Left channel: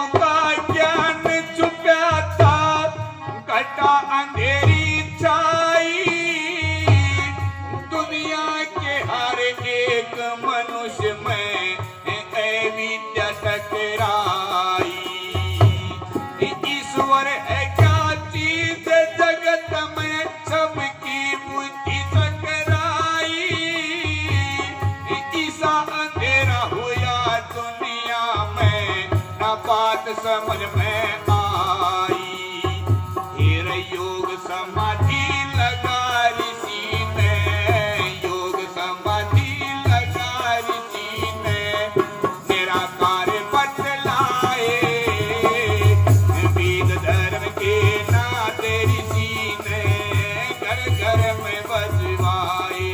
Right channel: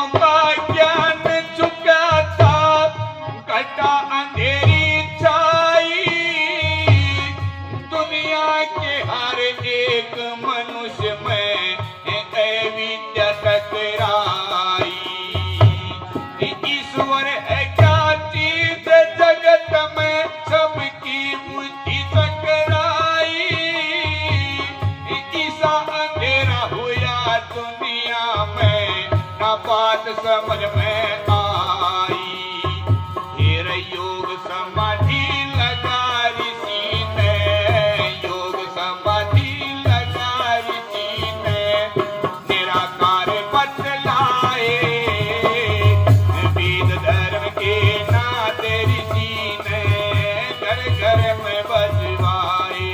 ज्ञान चुकाता घटा अंधेरी छाई। दुनिया के हर एक मनुष्य में विद्या टकराई। ईश्वर है क्या चीज जगत में सबकी बुद्धि टकराई। ईसा अंधेरा हुआ दुनिया में ना बात समझ में आई। फिर योग समाधि लगा ऋषि ने, योग समाधि लगा ऋषि ने निराकार बतलाए। वेद धर्म के नाथ ऋषि ने घर घर में बजवाए।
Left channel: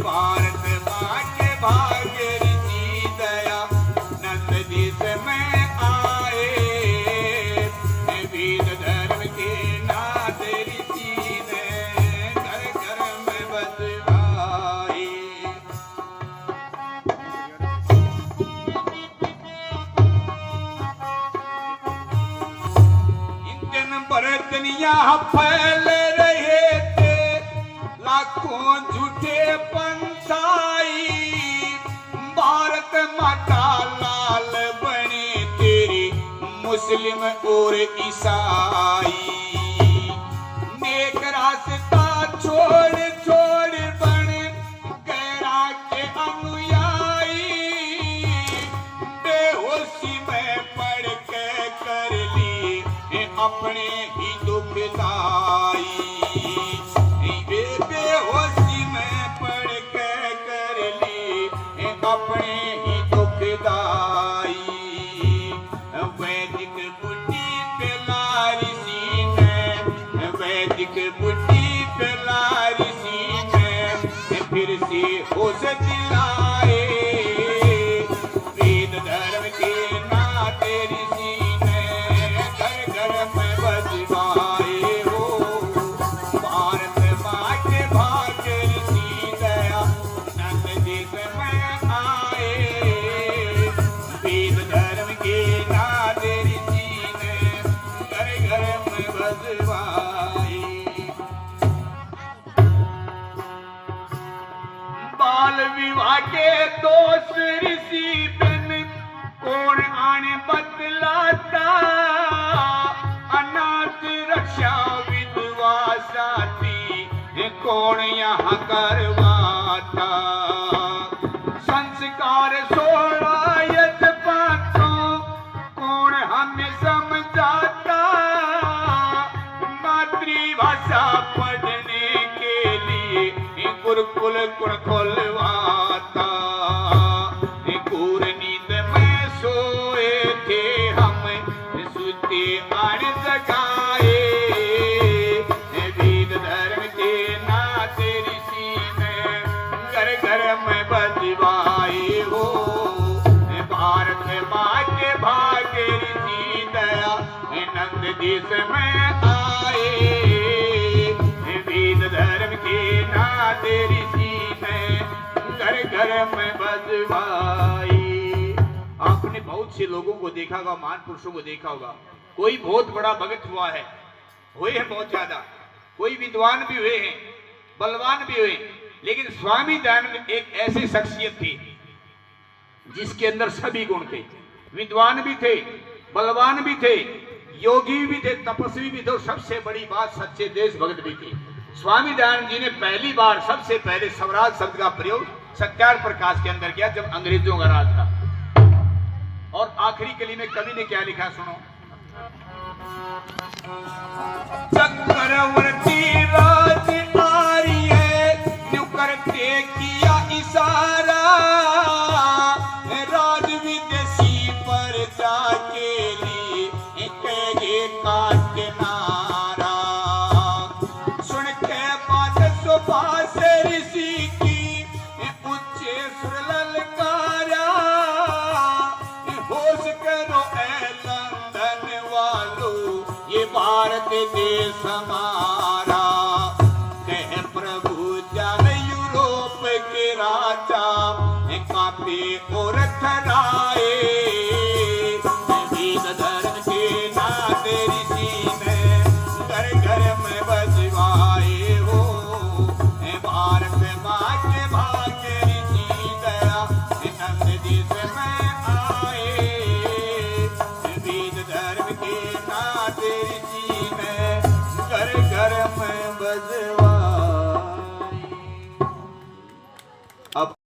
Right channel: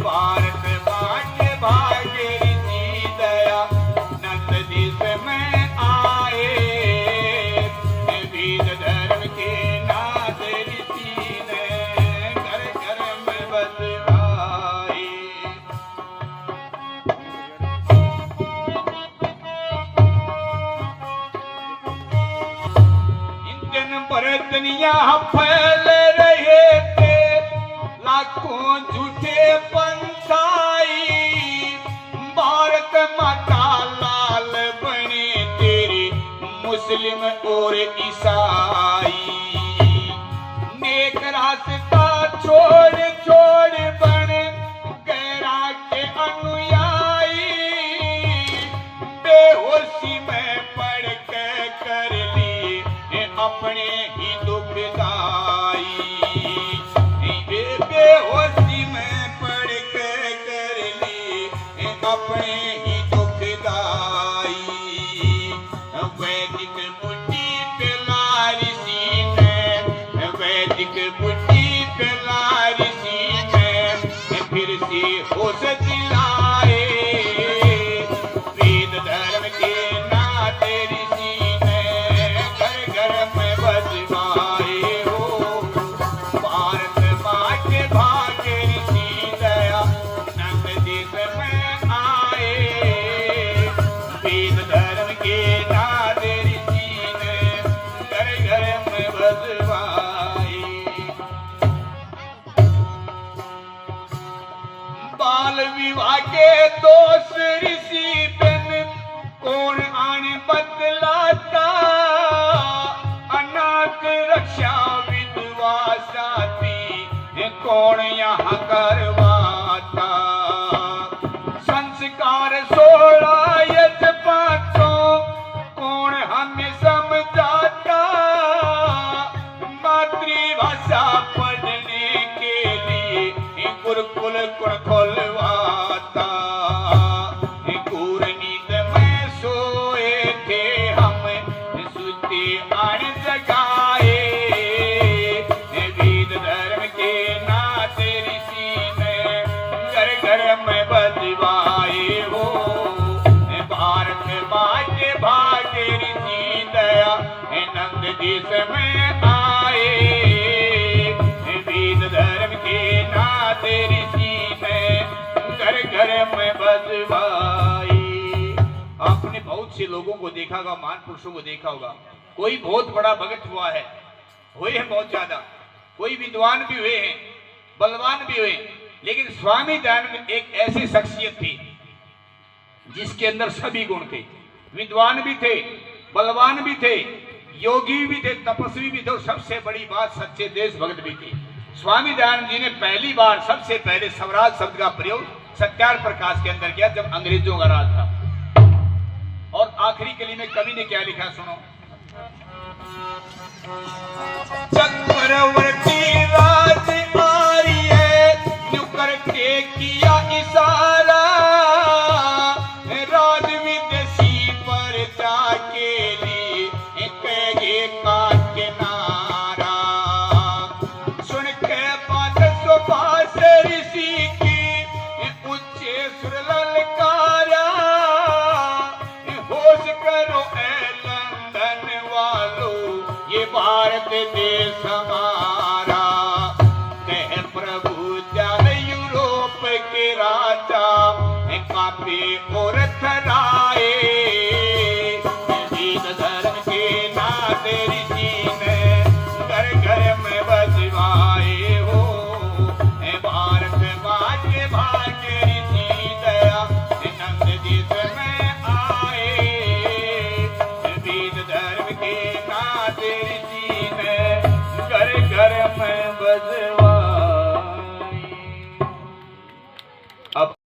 भारत माँ के भाग्य ऋषि दया नंद देश में आए। वेद धर्म के नाथ ऋषि ने घर घर में बजवाए। इंजन पर दुनिया फैल रहे थे लाखों झूठे पंछाई। भारत माता लाल बने तेरी मुस्लिम और ईसाई। नेक रास्ता छोड़ छोड़ बन गैरा के अनुयायी। बेहोशी में पड़ के कर लिए अपने ही दुखदाई। बेहोशी में पड़ के कर लिए अपने ही दुखदाई। वैदिक बुद्धि पे ऋषि ने, वैदिक बुद्धि पे ऋषि ने फिर से होश दिलाए। वेद धर्म के नाथ ऋषि ने घर घर में बजवाए हो। भारत माँ के भाग्य ऋषि दया नंद देश में आए। वेद धर्म के नाथ ऋषि ने घर घर में बजवाए। बाल विवाह के दोष ऋषि बन कौन आने बतलाता। अनाथ रक्षा विधवा साथी कौन यहाँ करवाता। संस्कार 16 यज्ञ पाठों कौन हमें समझाता। मातृभाषा पढ़ने के लिए गुरुकुल कुल खुलवाता। घोर नींद में सोए थे हम सुते अण जगाए। वेद धर्म के नाथ ऋषि ने घर घर में बजवाए हो। भारत माँ के भाग्य ऋषि दया नंद देश में आए। वेद धर्म के नाथ ऋषि ने घर घर में बजवाए। आपने बहुत से लोगों को देखा होगा, महान पुरुषों को देखा होगा। कोई बहुत बड़ा भगत हुआ है, हुए हैं बहुत ज्यादा। कोई विद्वान भी हुए हैं, बलवान भी हुए। लेकिन स्वामी दयानंद एक ऐसी शख्सियत थी जिसके अंदर सभी गुण थे। विद्वान भी थे, बलवान भी थे, योगी भी थे, तपस्वी भी थे और सबसे बड़ी बात सच्चे देशभक्त भी थे। स्वामी दयानंद जी ने पहली बार सबसे पहले स्वराज शब्द का प्रयोग सत्यार प्रकाश के अंदर किया जब अंग्रेजों का राज था। और आखिरी कली में कवि ने क्या लिखा सुनो। चक्रवर्ती राज आरी है न्यू करके किया इशारा। राज विदेशी पर जाके लिए कहे काट के नारा। सुन के बात सुभाष ऋषि की उच्चे सुर ललकारा। होश करो ए लंदन वालों ये भारत देश हमारा। कह प्रभु जान यूरोप के राजा काफी और थराए। तेरी सी में घर घर में बजवाई।